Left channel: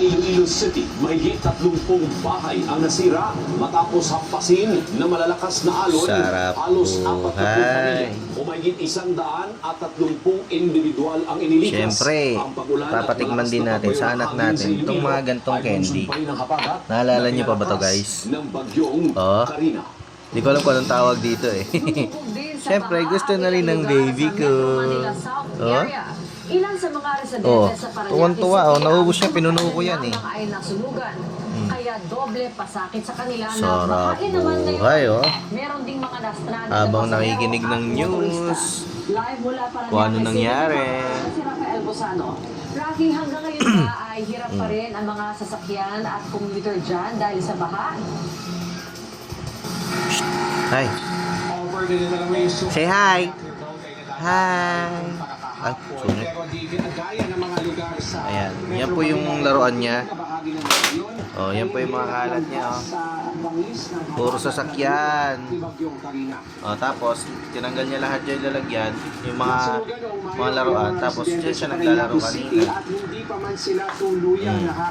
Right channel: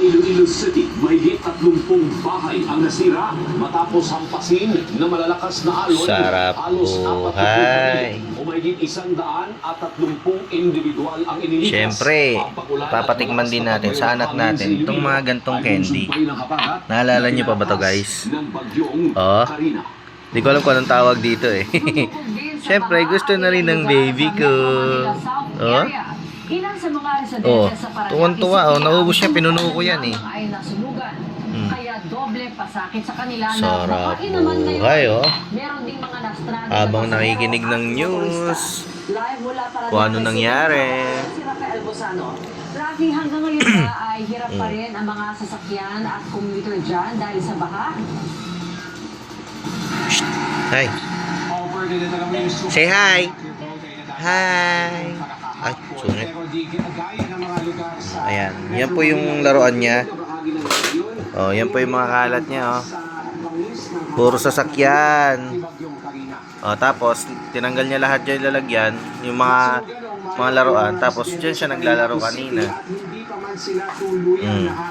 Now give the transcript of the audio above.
Iloilo City, may 30 bahay ang nasira matapos hampasin na malalakas na alon. Sarap halos buhay. 40 o may isang daan at 30 individual ang iniligtas. Siyempre, papatikman din natin sa anak natin itong mga gantong candy. Naalala na niyo pa ba to, guys? Oh. Di ko alam kung anong tawag dito eh. Siyempre, gusto na rin ng baby ko. Oh? Ilan sa mga residente Oh, sa Paranaque tuwan-tuwa, oh. Ang niya, pinuno ko yan, eh. ay nasunugan. Mm. Kaya doble pasakit sa kanila na Sarap makainuman ngayon. buhay, oh. Meron ding mga na-stranded Habang na nakikinig ng news, Live mula para kung ano nangyari. Si Rafael Bosano. Rocky, hanggang ngayon ay hirap pa Mm. rin ang mga sasakyan at commuter dyan dahil sa baha? Hi. Say hi. Hi. Ay, sungit. Ayan. Yan po yung laruan niya. Oh, yan po yung mga kalat niya, oh. Puro sasakyan. Oh, tapos tinanggal niya lahat yung lalagyan, yung mga mga laruan. Tapos diyan siya naglalaro kanina. At